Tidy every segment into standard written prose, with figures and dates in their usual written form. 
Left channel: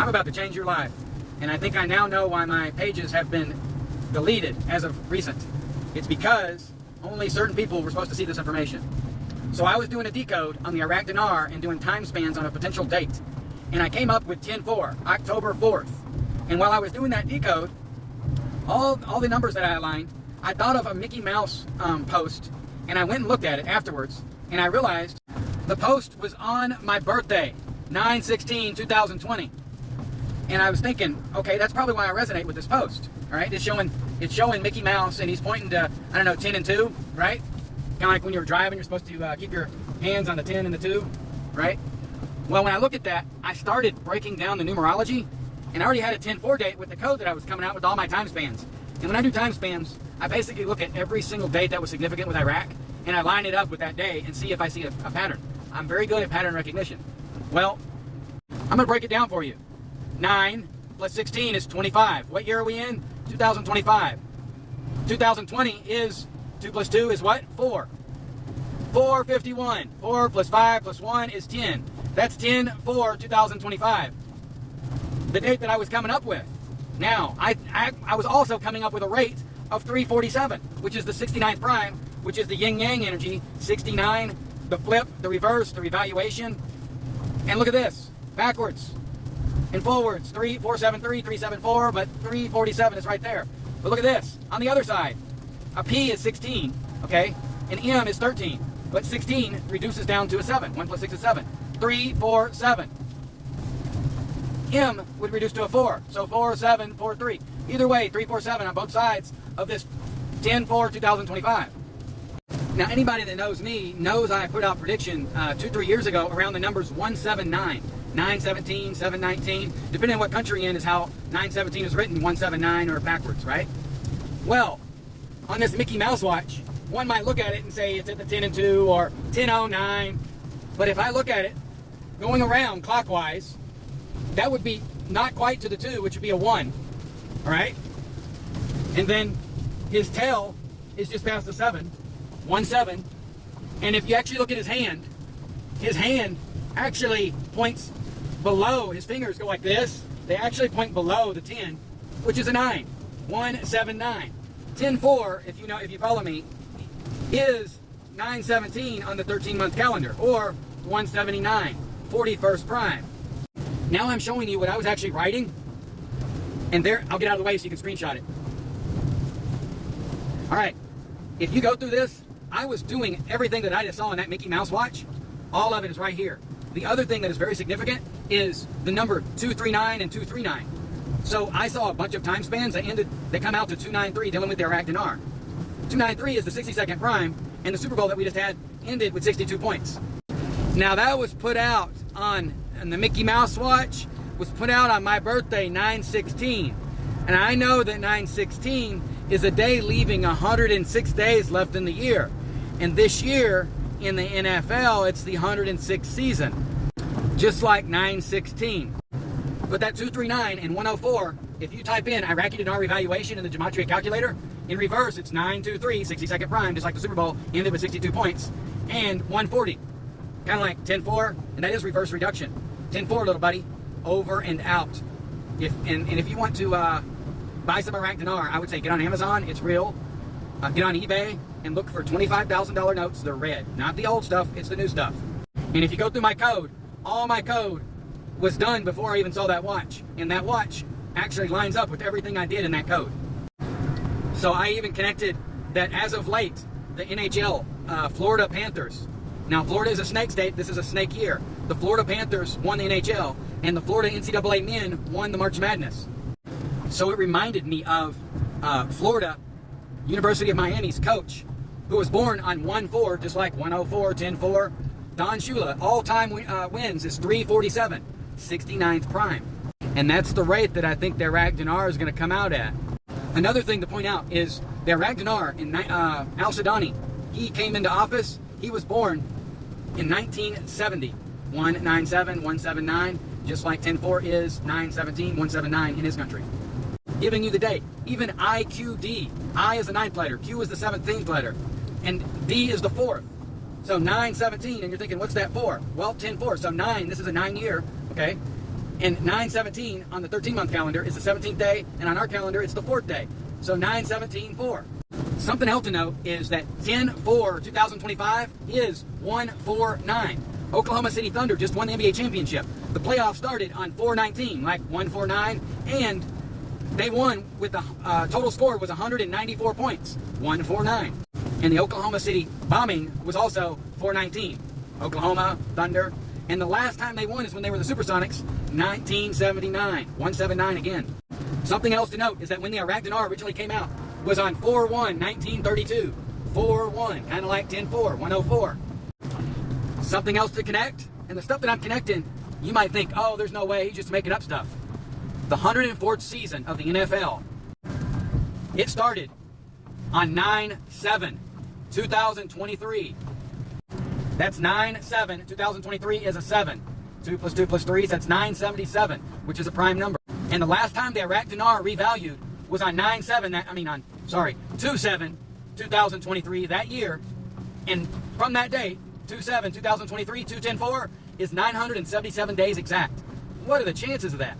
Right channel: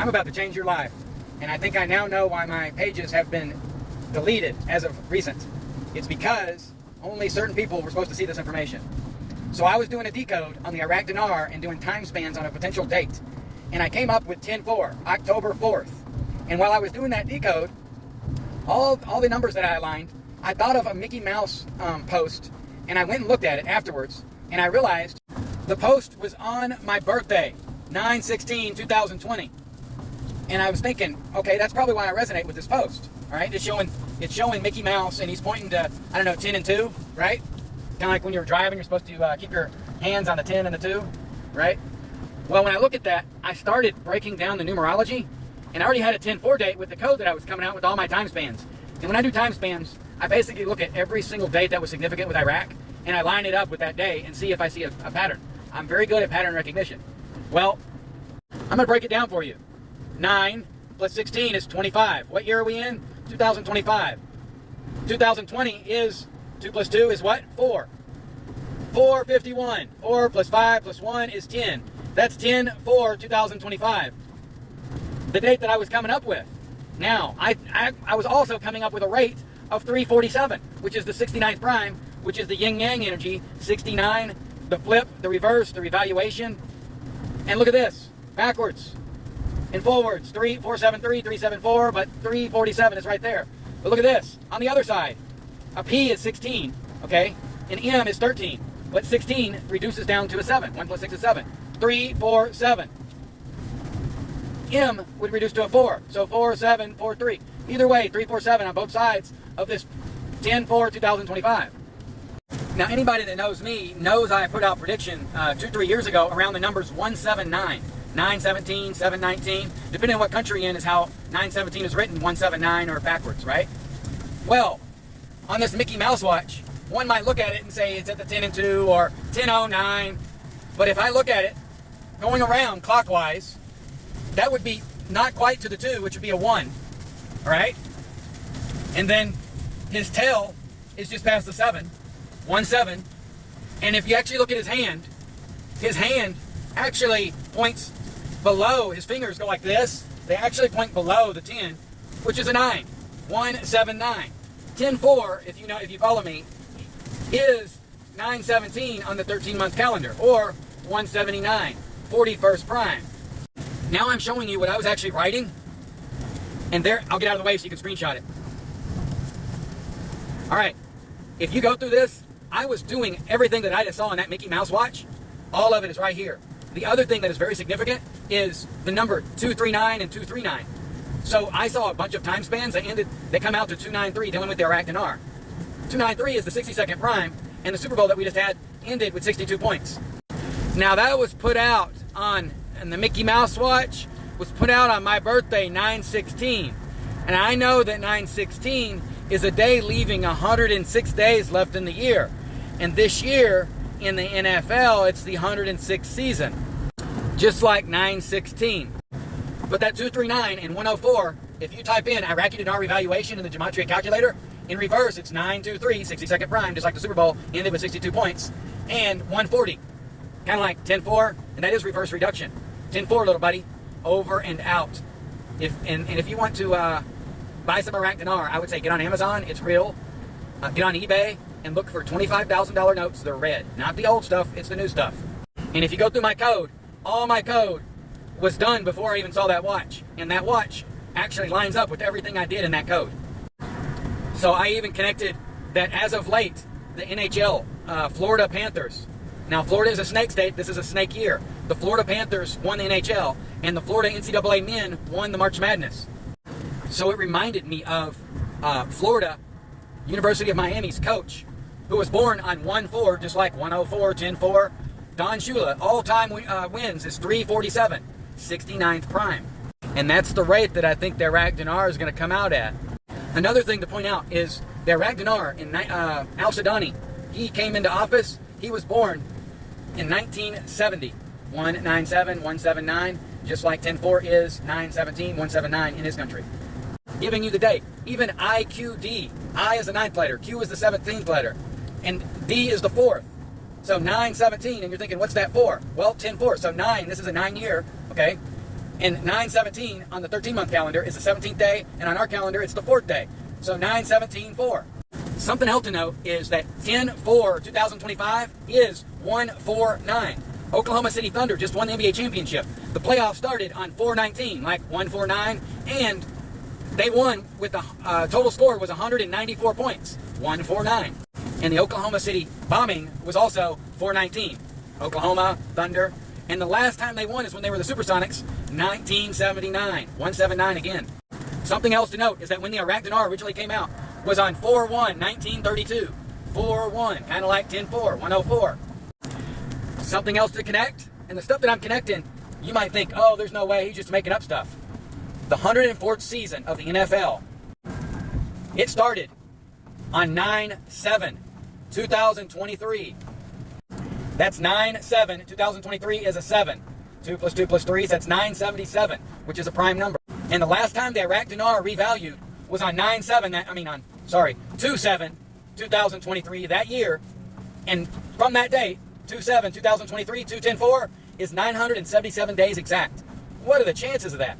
I'm about to change your life. And I think I now know why my pages have been deleted as of recent. It's because only certain people were supposed to see this information. So I was doing a decode on the Iraq Dinar and doing time spans on a potential date. And I came up with 10-4, October 4th. And while I was doing that decode, all the numbers that I aligned, I thought of a Mickey Mouse post, and I went and looked at it afterwards, and I realized the post was on my birthday, 9/16/2020. And I was thinking, okay, that's probably why I resonate with this post. All right, it's showing Mickey Mouse, and he's pointing to, I don't know, 10 and 2, right? Kind of like when you're driving, you're supposed to keep your hands on the 10 and the 2, right? Well, when I look at that, I started breaking down the numerology, and I already had a 10-4 date with the code that I was coming out with all my time spans. And when I do time spans, I basically look at every single date that was significant with Iraq, and I line it up with that day and see if I see a pattern. I'm very good at pattern recognition. Well, I'm going to break it down for you. 9 plus 16 is 25. What year are we in? 2025. 2020 is 2 plus 2 is what? 4. 451. 4 plus 5 plus 1 is 10. That's 10/4/2025. The date that I was coming up with. Now, I was also coming up with a rate of 347, which is the 69th prime, which is the yin-yang energy, 69, the flip, the reverse, the revaluation. And look at this, backwards and forwards, 3473, 374, but 347 is right there. But look at this, on the other side, a P is 16, okay, and M is 13, but 16 reduces down to a 7, 1 plus 6 is 7, 3, 4, 7. M would reduce to a 4, so 4, 7, 4, 3. Either way, 3, 4, 7 on both sides of this 10/4/2025. Now, anybody that knows me knows I put out prediction 2-3 years ago around the numbers 179, 917, 719. Depending on what country you're in is how 917 is written, 179 or backwards, right? Well, on this Mickey Mouse watch, one might look at it and say it's at the 10 and 2 or 10:09. But if I look at it going around clockwise, that would be not quite to the 2, which would be a 1. All right? And then his tail is just past the 7, 1-7. And if you actually look at his hand actually points below. His fingers go like this. They actually point below the 10, which is a 9. 179. 10-4, if you follow me, is 917 on the 13-month calendar, or 179, 41st prime. Now I'm showing you what I was actually writing, and there, I'll get out of the way so you can screenshot it. All right, if you go through this, I was doing everything that I just saw on that Mickey Mouse watch. All of it is right here. The other thing that is very significant is the number 239 and 239. So I saw a bunch of time spans that come out to 293 dealing with the Iraq Dinar. 293 is the 62nd prime, and the Super Bowl that we just had ended with 62 points. Now that was put out on the Mickey Mouse watch, was put out on my birthday, 9/16. And I know that 9/16 is a day leaving 106 days left in the year. And this year in the NFL, it's the 106th season, just like 9/16. But that 239 and 104, if you type in Iraqi Dinar evaluation in the Gematria calculator, in reverse, it's 923, 62nd prime, just like the Super Bowl, ended with 62 points, and 140. Kind of like 10-4, and that is reverse reduction. 10-4, little buddy, over and out. If you want to buy some Iraq Dinar, I would say get on Amazon, it's real. Get on eBay and look for $25,000 notes. They're red, not the old stuff, it's the new stuff. And if you go through my code, all my code was done before I even saw that watch. And that watch actually lines up with everything I did in that code. So I even connected that as of late, the NHL, Florida Panthers. Now, Florida is a snake state. This is a snake year. The Florida Panthers won the NHL, and the Florida NCAA men won the March Madness. So it reminded me of Florida, University of Miami's coach, who was born on 1-4, just like 104, 10-4. Don Shula, all-time wins is 347, 69th prime. And that's the rate that I think the Iraq Dinar is going to come out at. Another thing to point out is the Iraq Dinar in Al-Sudani, he came into office, he was born in 1970, 197, 179, just like 10-4 is 917, 179 in his country. Giving you the date. Even IQD, I is the 9th letter, Q is the 17th letter, and D is the 4th. So 917, and you're thinking, what's that for? Well, 10-4, so 9, this is a 9 year, okay? And 9/17 on the 13-month calendar is the 17th day, and on our calendar it's the 4th day. So 9/17/4. Something else to note is that 10/4/2025 is 149. Oklahoma City Thunder just won the NBA championship. The playoffs started on 4/19, like 149, and they won with the total score was 194 points, 149. And the Oklahoma City bombing was also 4/19. Oklahoma Thunder. And the last time they won is when they were the Supersonics, 1979, 179 again. Something else to note is that when the Iraq Dinar originally came out was on 4/1/1932. 4/1, kind of like 10/4, 104. Something else to connect, and the stuff that I'm connecting, you might think, oh, there's no way, he's just making up stuff. The 104th season of the NFL, it started on 9/7/2023. That's 9/7/2023 is a 7. 2 + 2 + 3, that's 977, which is a prime number. And the last time the Iraq Dinar revalued was on 2/7/2023 that year. And from that date, 2/7/2023, 2/10/4 is 977 days exact. What are the chances of that?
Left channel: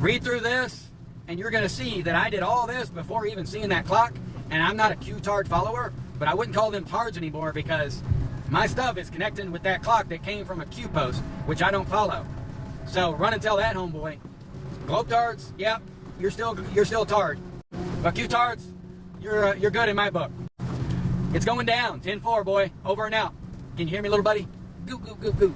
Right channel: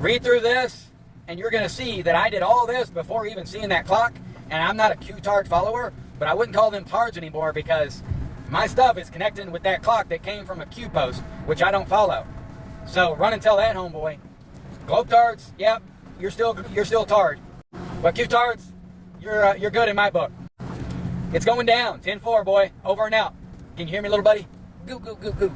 Read through this, and you're going to see that I did all this before even seeing that clock. And I'm not a Q-tard follower, but I wouldn't call them tards anymore because my stuff is connecting with that clock that came from a Q post, which I don't follow. So run and tell that, homeboy. Globetards, yep, you're still tard. But Q-tards, you're good in my book. It's going down. 10-4, boy. Over and out. Can you hear me, little buddy? Goo, goo, goo, goo.